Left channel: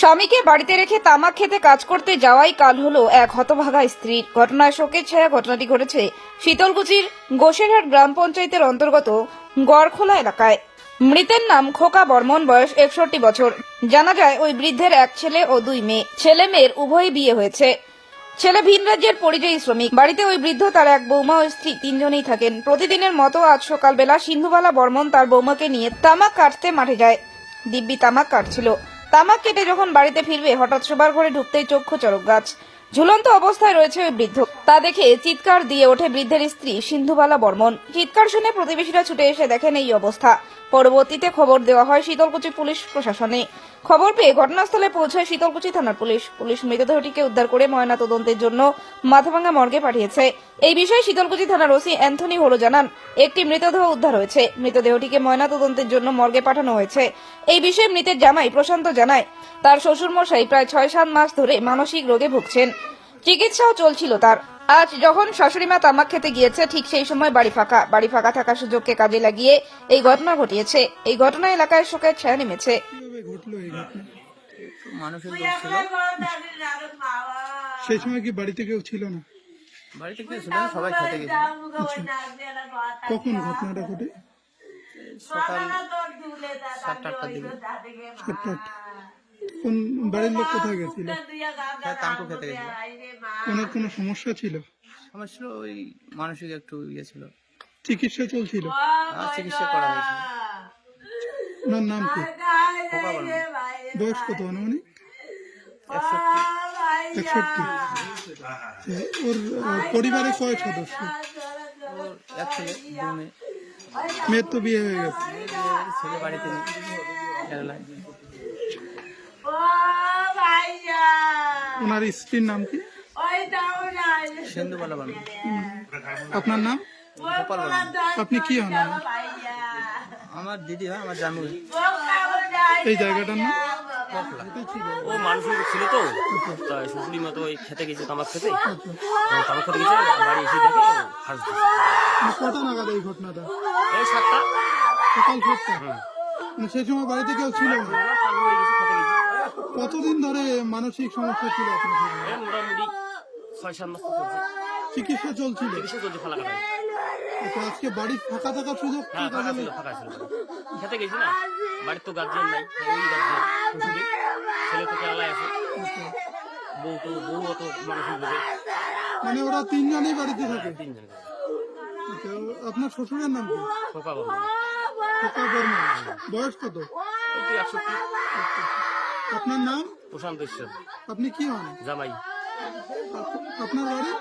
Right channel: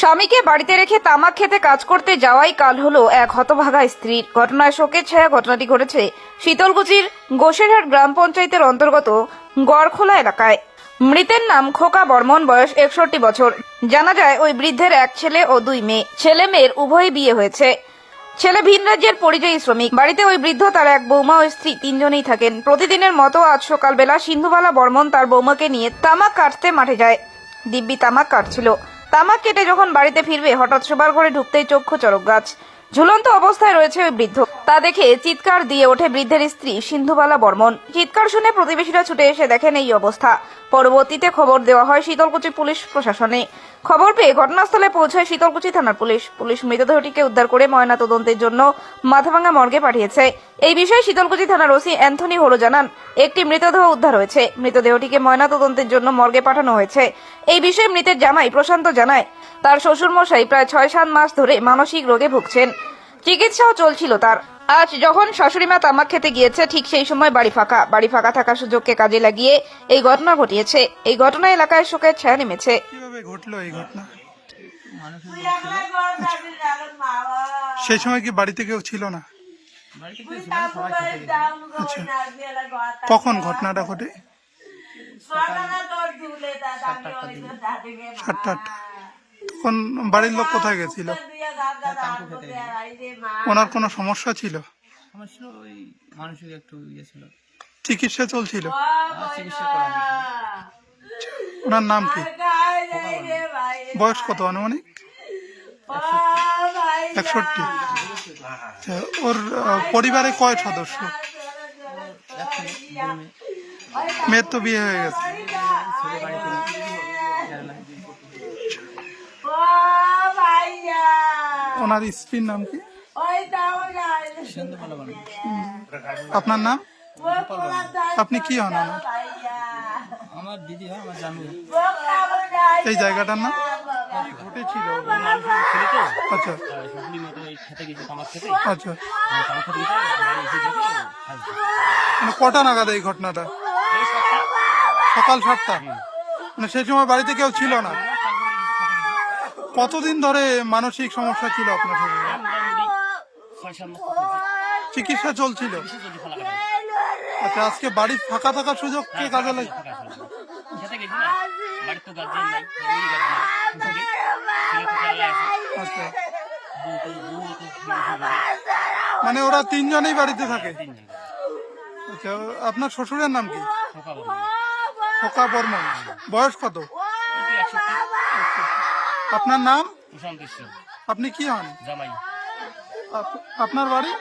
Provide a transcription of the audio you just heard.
স্বামীকে বাড়িতে রেখে তামাক খেতে কাজ করতে যাওয়াই কাল হলো এক হতভাগা স্ত্রীর ঘটনায় শোকের ছায়া ঘটনাটি ঘটেছে শীতলকুচির গোসেরহাট গ্রাম পঞ্চায়েতের অন্তর্গত গড়খোলা এলাকায়। মৃতের নাম খোকা বর্মন, বয়স একষট্টি বছর। জানা যায়, ওই বৃদ্ধের এক ছেলে ও দুই মেয়ে। ছেলে মেয়ের উভয়ই বিয়ে হয়েছে। ছেলে ভিন রাজ্যের পরিযায়ী শ্রমিক। বাড়িতে ওই বৃদ্ধ, তার এক বৌমা ও স্ত্রী তিনজনেই থাকেন। প্রতিদিনের মতো আজ সকালবেলা সিন্ধুবালা বর্মন তার বৌমাকে নিয়ে তামাক কাটতে মাঠে যায়। দিব্যি তামাক কাটছিল। তামাক কেটে যখন বাড়িতে ফিরবে, হঠাৎ শোবার ঘরে ঢুকতেই চক্ষু চরক গাছ। ঝুলন্ত অবস্থায় রয়েছে ওই বৃদ্ধ। তা দেখে চিৎকার দিয়ে ওঠে বৃদ্ধের স্ত্রী, সিন্ধুবালা বর্মন। চিৎকার শুনে প্রতিবেশীরা ছুটে এসে দেখেন এই অবস্থা। পরবর্তীতে খবর দেওয়া হয় শীতলকুচি পুলিশ প্রশাসনে। খবর পেয়ে ঘটনাস্থলে পৌঁছায় শীতলকুচি থানার পুলিশ। পুলিশ মৃতদেহটিকে উদ্ধার করে ময়না তদন্তের জন্য মাথাভাঙ্গা মর্গে পাঠিয়েছে। এই বিষয়ে শীতলকুচি থানার ওসি অ্যান্থনি হলো জানান, একটি মৃতদেহ উদ্ধার হয়েছে। মৃতদেহটিকে ময়না তদন্তের জন্য মর্গে পাঠানো হয়েছে। এই বিষয়ে মৃতের জামাই প্রশান্ত জানায়, তার শ্বশুরমশাই প্রায় ছয় সাত মাস ধরে মানসিক রোগে ভুগছেন। চিকিৎসাও চলছিল তার। আজ যখন শাশুড়িমা তামাক খেতে গিয়েছে ঠিক সেই সময় বাড়ি ফাঁকা। বাড়ি ফাঁকা থাকার সুযোগকে কাজে লাগিয়ে এই ঘটনা ঘটিয়েছে। এই ঘটনা এলাকায় শোকের ছায়া নেমেছে। কীভাবে ঘটলো এই ঘটনা? মানুষের লোক ছিল? সেই সময় কি বাড়িতে কেউ ছিল না? বাড়িতে কেউ ছিল না, সবাই খেতে গেছিল আচ্ছা কখন ঘটনাটা ঘটে? সকাল সাতটা আটটার দিকে। সাতটা আটটা। তখন বাড়ির লোক কোথায় গেছিল? তাই খেতে গেছিল ওনার কোনো সমস্যা ছিল? ছিল ওই মানসিক একটু ইয়ে ছিল। চিকিৎসা চলছিল? আর চিকিৎসা করা ওনার নাম কি? খোকা বলেন বয়স কত আনুমানিক? একষট্টি। আচ্ছা, ওর আহ, পরিবারে কয় সদস্য? ওর এক ছেলে দুই মেয়ে মেয়ের তো বিয়ে হয়ে গেছে। ছেলে বাড়িতে নেই। কেরালায় ওনার স্ত্রীর নাম কি? বানু আপনার নাম? গোপাল বানু আপনি কি হন আমার আমার দিদি হয় আমার জামু এই জায়গাটার নাম? ঘটেছিল মানুষের ছেলে। তো। আচ্ছা। শাশুড়ি মতো ওই খেতে গেছে কামাক খেতে। আচ্ছা। খেতে গেছে। মানে কটা নাগাদ এই ঘটনাটা? এই সাতটা। সকাল সাতটা? মানে সেই সময় বাড়িতে কেউ ছিল না তারপরে গেছে খেতে গেছে কতদিন ধরে মানসিক সমস্যা ছিল আপনার চিকিৎসা চলছিল। আচ্ছা আজকে বাড়ি ফাঁকা থাকার সুযোগ কে কাজে লাগে খেতে গেছি না বাড়ির তো গার্জিয়ান নাই ওই গার্জিয়ান ছেলে তো কেরালায় আছে আচ্ছা বউ তো বউ তো মানে ওরা তিনজনেই বাড়িতে থাকে? আচ্ছা আপনার শ্বশুরের নাম কি? খোকা বর্মন। বয়স কত? আপনার নাম? প্রশান্ত ঈশ্বর। আপনি কি হন? জামাই। আপ- আপনার বাড়ি?